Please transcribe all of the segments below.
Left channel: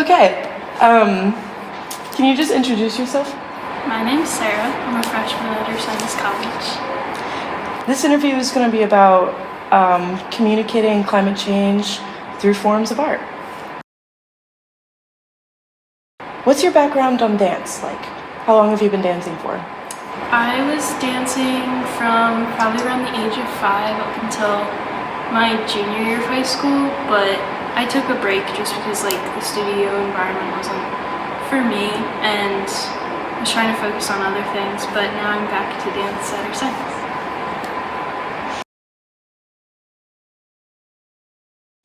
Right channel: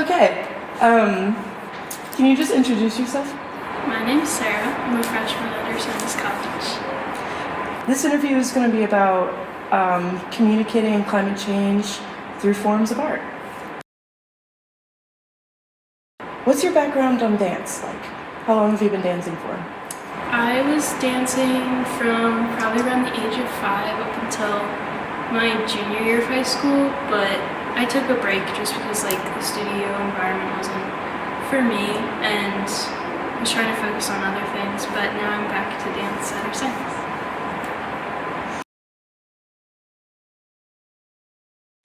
Okay, can you just introduce yourself? My name's Sarah. I'm a freshman at Ursinis College. This interview is going to be about communicating climate change through forms of art. What's your background on dance like? How long have you been dancing for? I was dancing from probably around the age of 5 up until my junior year of high school, but I took a break just because the studio environment wasn't for me and I was trying to focus on other things, but now I'm back to dance at Ursinis.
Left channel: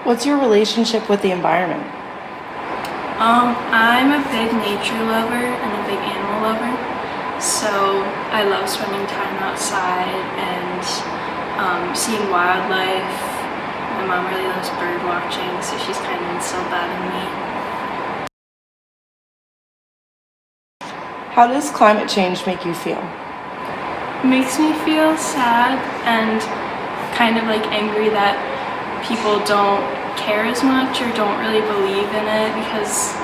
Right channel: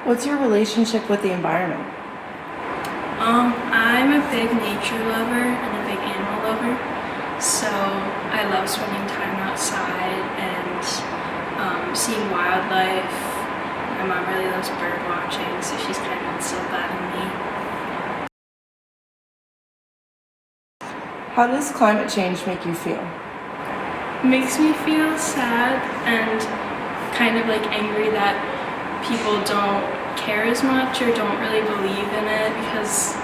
What's your relationship with the environment? I'm a big nature lover and a big animal lover, so I love spending time outside and seeing wildlife. My mom really loves bird watching, so she's kind of instilled that in me. How does climate change make you feel? It makes me feel sad and kind of angry that people don't care as much or don't really believe in it, because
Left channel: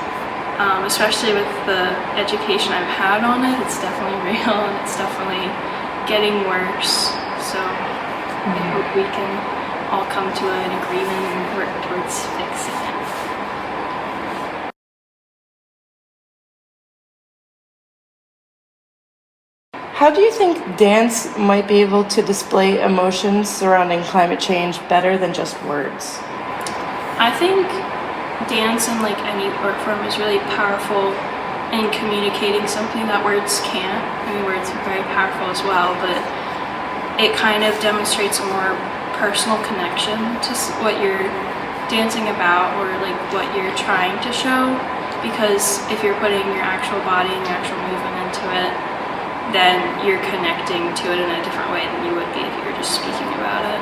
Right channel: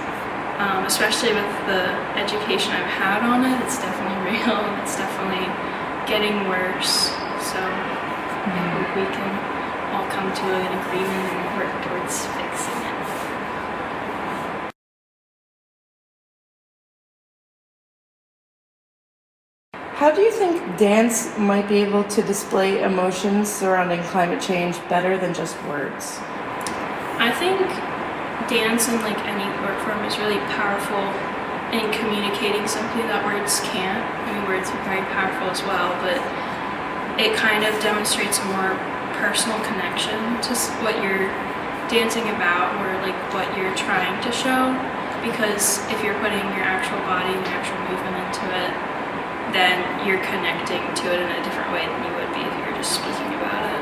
especially with the education I've had on it, it's definitely real and it's definitely getting worse. So I hope we can all come to an agreement and work towards fixing it. How do you think dance might be able to display emotions surrounding climate change better than just words? I think dance in any art form is really powerful in communicating something that words can't. I mean, words are very powerful as well, but it kind of demonstrates a more personal connection to what you're dancing about or what you're trying to show, because if you're putting your actual body and your actual movement into it, then you're connecting to it in a different way than you would be if you were just speaking about it.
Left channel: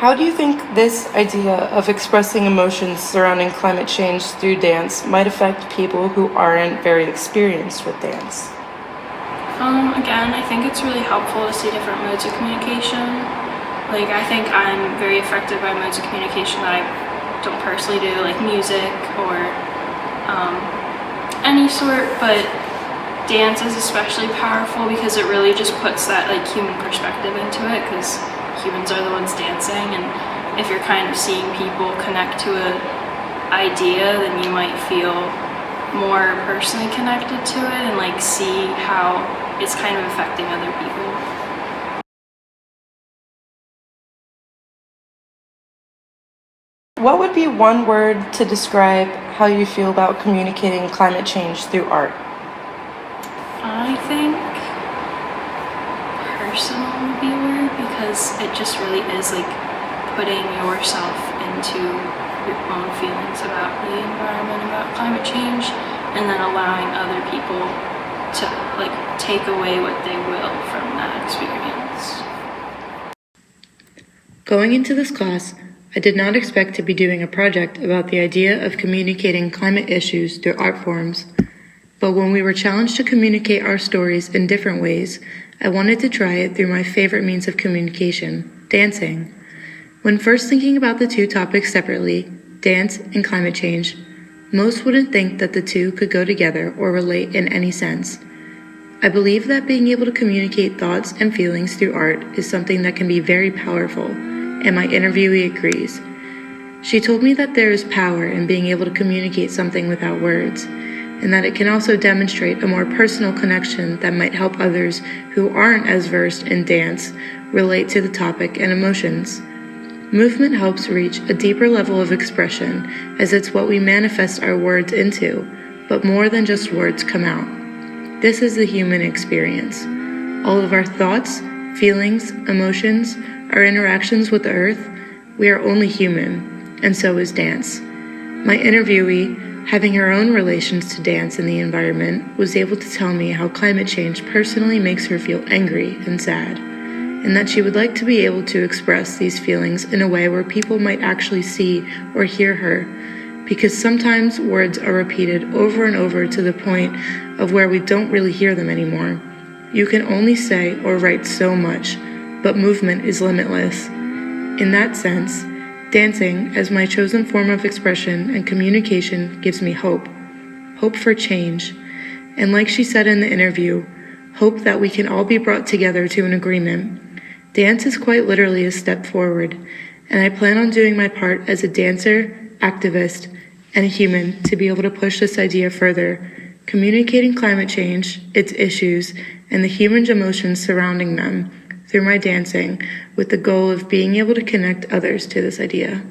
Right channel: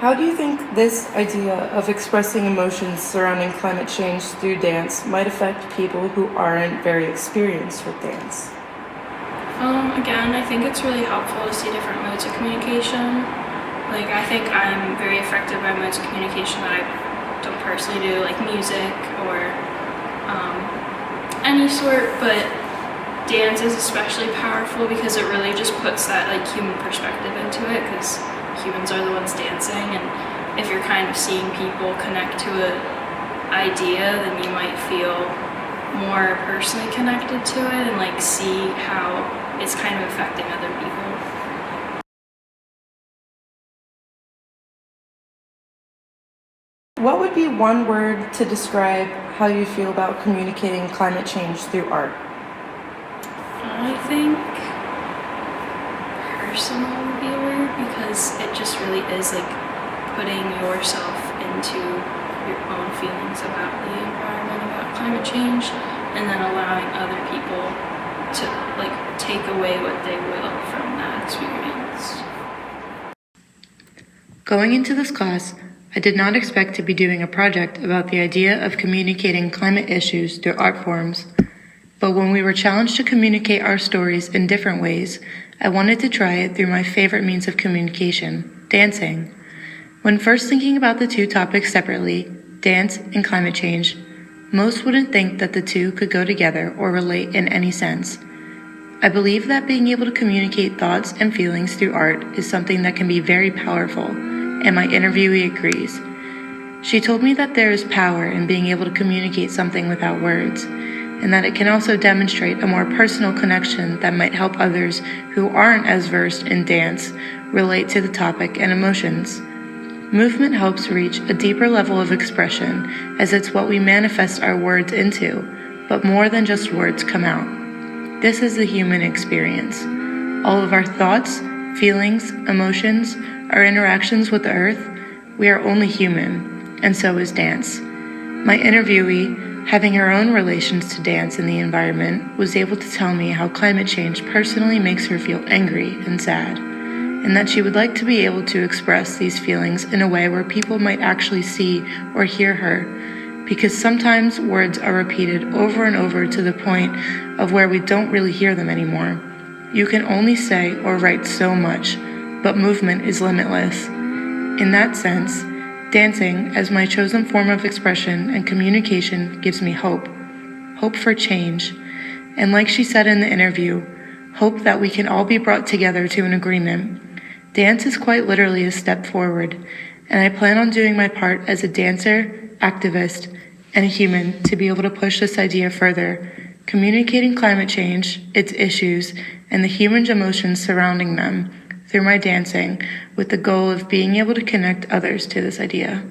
How do you think this idea of expressing emotions surrounding climate change through dance might affect people who aren't very experienced with dance? Again, I think it's really helpful to see different modes of communication. I think I'm very affected by modes of communication that I don't personally do, like music or any sort, but dance is especially powerful because it really just puts that human perspective into it, because humans are the ones dancing, and if you're kind of seeing people connect to an idea, then you might feel more personally connected to it and see how it's kind of affecting other people. What would be one word to describe how you feel about communicating climate change through art? I think personal would be a word, because it just really is putting yourself into your own feelings about the environment, about climate change, and then allowing other people to take away what they will from that experience. Going into this class, I did not expect to be doing a project about the idea of communicating climate issues through art forms, but when we were challenged to communicate our stories in different ways, I wanted to try it through my favorite means of communication, dancing. When first thinking about the two topics separately, dance and climate change, most wouldn't think that the two could go together or relate in any sense. I believe that being able to communicate thoughts and feelings through art is something that can be very powerful, and my interviewee agrees. She told me that there is power in being able to communicate something without words, and that it can also demonstrate a more personal connection that might help others who aren't as versed in dance relate to the topic and emotions. Movement helps reach a deeper level of expression, as it's what we manifest our words into, but more than just words come out. This is the human experience. All of our thoughts, feelings, emotions, our interactions with the earth, we are only human, and so is dance. My interviewee, having her own relations to dance and the environment, was able to tell me how climate change personally makes her feel angry and sad, and that she would like to be able to express these feelings in a way where people might actually see or hear her, because sometimes words are repeated over and over to the point of where we don't really hear them anymore. You can only say or write so much, but movement is limitless. In that sense, dancing as my chosen form of expression and communication gives me hope for change, and like she said in the interview, hope that we can all be brought together to an agreement. Dance is quite literally a step forward, and I plan on doing my part as a dancer, activist, and a human to be able to push this idea further, communicating climate change, its issues, and the human emotions surrounding them through my dancing with the goal of being able to connect others to this idea.